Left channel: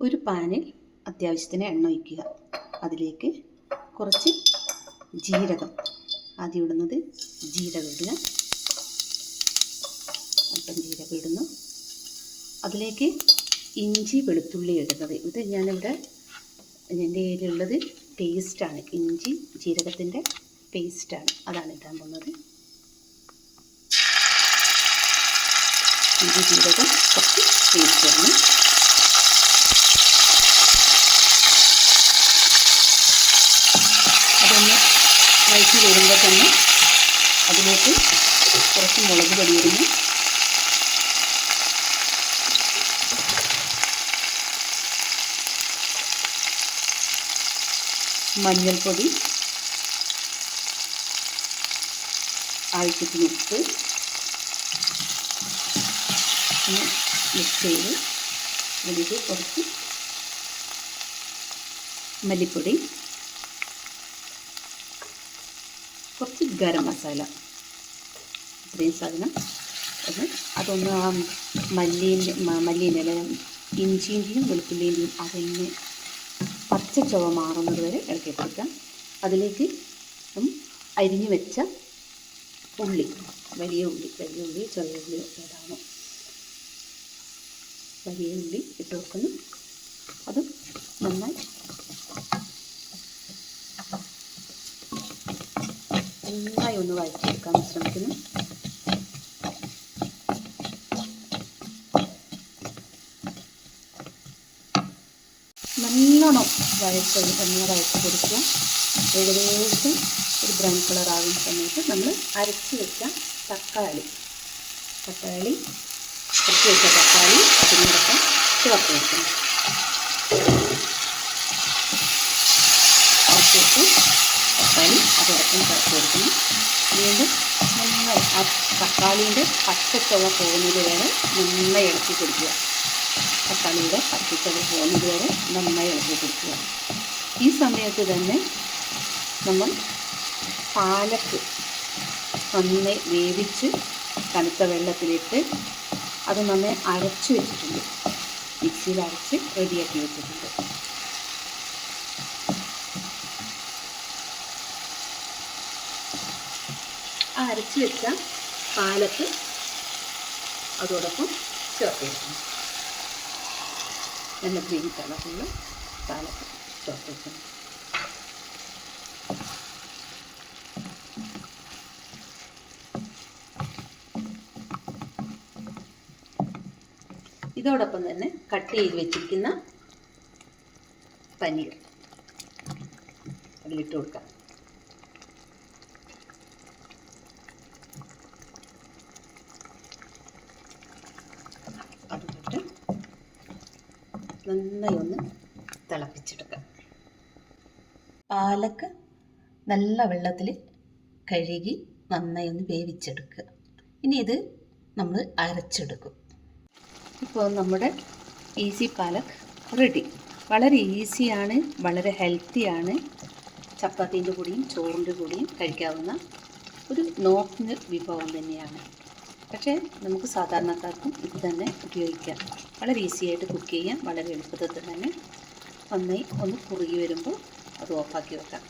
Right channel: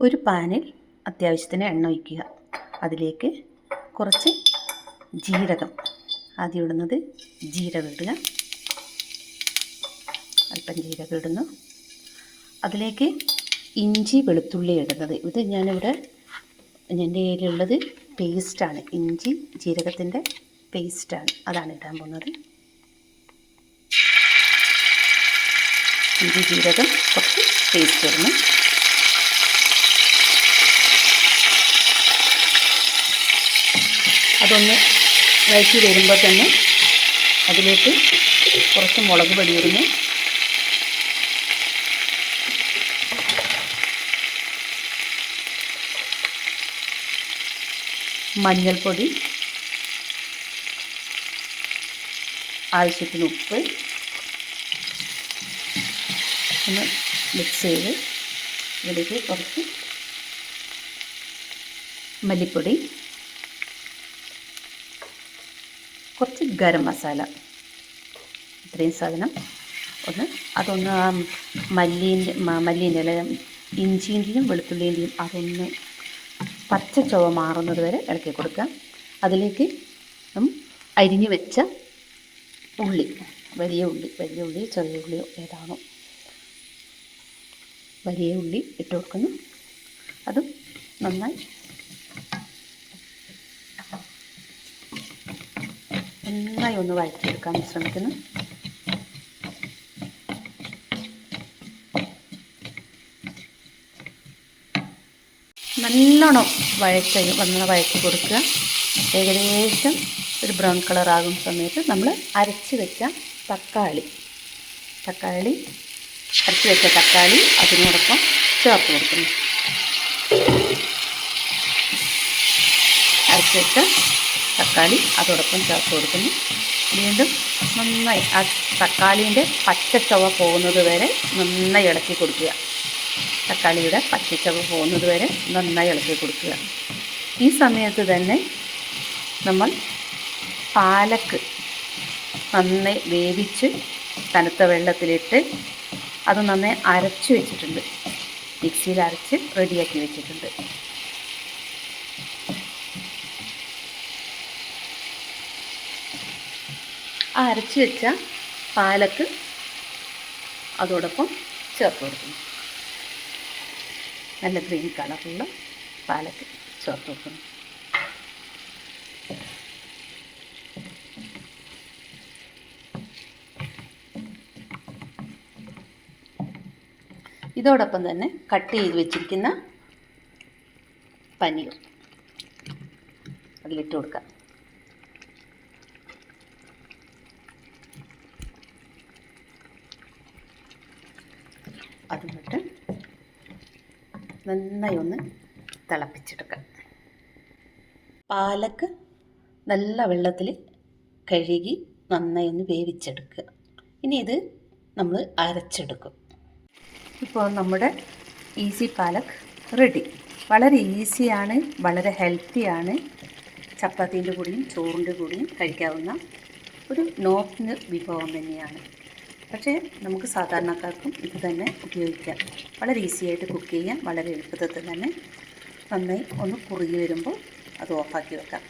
ഒരു പാനിൽ അത്യാവശ്യത്തിന് എണ്ണ ഒഴിക്കുക. അതിലേക്ക് കുറച്ച് ജീരകം. ആദ്യം ഇടുന്നത് ജീരകം ഇടുക. അല്പം ജീരകം ഇടുന്നു. അതിലേക്ക് ഇഞ്ചി വെളുത്തുള്ളി ഇടുന്നത്. ഇത് ഞാനിവിടെ എന്റെ കയ്യിലുള്ളത് പേസ്റ്റാണ് ഇഞ്ചി ജീരകത്തിന്റെ പേസ്റ്റാണ് അതാണ് ഇടാൻ പോകുന്നത്. ഇഞ്ചി ജീരകം കുറച്ച് പേസ്റ്റ് ഇടണം. അതൊന്ന് വഴറ്റി വരുമ്പോൾ തന്നെ അതിലേക്ക് കുറച്ച് മുളക് പൊടിയിരുന്നു മഞ്ഞൾപ്പൊടി. ആവശ്യത്തിന് ഉപ്പ്. ഒന്ന് മിക്സ് ചെയ്ത് ഇതിലേക്ക് കുറച്ച് മല്ലിപ്പൊടി. കുറച്ച് ഗരം മസാല. ഇത്രയും സാധനം. ഒന്ന് അതൊന്ന് ആ മല്ലീന്റെ മല്ലീന്റെ അല്ല ഇഞ്ചിന്റെയും വെളുത്തുള്ളിന്റെയും അതൊന്ന് പച്ച ചുവ മാറുന്നത് വരെ ഇളക്കി കൊടുക്കാം അതിലേക്ക് അരിഞ്ഞു വെച്ച ഉള്ളി വലിയ ഉള്ളി വലിയ ഉള്ളി ചെറിയ ഉള്ളിയോ ഏതാണോ. വലിയ ഉള്ളി ഇട്ട് കൊടുക്കുന്നു. അതും നന്നായി നന്നായി ഒന്ന് വഴറ്റിയെടുക്കാൻ ശ്രമിക്കുന്നു. നല്ലോണം വഴച്ച വന്ന് വഴറ്റി കൊടുക്കുക. ഏകദേശം ഒരു ബ്രൗൺ കളർ ആകുന്ന സമയത്ത് നമ്മൾ അരച്ച് വെച്ച തക്കാളി തക്കാളി അരച്ച് വെച്ച തക്കാളി അതിനോടൊപ്പം ചേർത്ത് കൊടുക്കുന്നു. അരച്ച് വെച്ച തക്കാളി അതോടൊപ്പം ചേർത്ത് കൊടുക്കുന്നു. വീണ്ടും നന്നായി ആ തക്കാളീന്റെ പച്ചച്ചവ പോകുന്നത് വരെ നന്നായി ഇളക്കി കൊടുക്കുക. തക്കാളിയുടെ പച്ചച്ചവ പോകുന്നത് വരെ നന്നായി ഇളക്കി കൊടുക്കുക. ഈ സമയത്ത് തന്നെ നമ്മൾ പാലക്ക് നന്നായി വേവിച്ച് തണുത്ത വെള്ളത്തിലിട്ട് അത് നന്നായി അരച്ച് വെച്ചിട്ടുണ്ട്. മിക്സിയിൽ അരച്ച് റെഡിയാക്കി വെച്ചിട്ടുണ്ട്. ആ അരച്ച് വെച്ച പാലക്ക് അതോടൊപ്പം ചേർത്ത് കൊടുക്കണം. നല്ല ഗ്രീൻ കളറുള്ള പാലക്ക് ചേർത്ത് വെക്കണം ഇതോടൊപ്പം തന്നെ കട്ട് ചെയ്ത് വെച്ചിരിക്കുന്ന പനീർ അതിലിട്ട് കൊടുക്കാം അതിലിട്ട് നന്നായി ഒന്ന് തിളപ്പിച്ചെടുക്കുക പാലക്ക് നല്ല വെള്ളത്തിൽ കഴുകി നന്നായി ഒന്ന് വേവിച്ചെടുക്കുക. ഇനി ഇത് നമ്മൾ അരച്ചെടുക്കും. ഇപ്പോൾ നമ്മുടെ ഈസി പാലക് റെഡി. വളരെ ഈസിയാണ് വളരെ ഹെൽത്തിയാണ്. ചപ്പാത്തീന്റെ കൂടിയും ചോറിന്റെ കൂടിയും കഴിക്കാവുന്ന ഒരു നോർത്ത് വിഭവം തന്നെയാണ്. പക്ഷേ നമുക്ക് സാധാരണക്കാർക്കും ഇത് തന്നെ ഉപയോഗിക്കാം. വളരെ ഈസി ആയിട്ട് കുക്ക് ചെയ്യാൻ വളരെ എളുപ്പത്തിൽ തന്നെ നന്നായി ഒന്ന് കുറുകി വരുമ്പോൾ അത് ഓഫാക്കി വെക്കാം.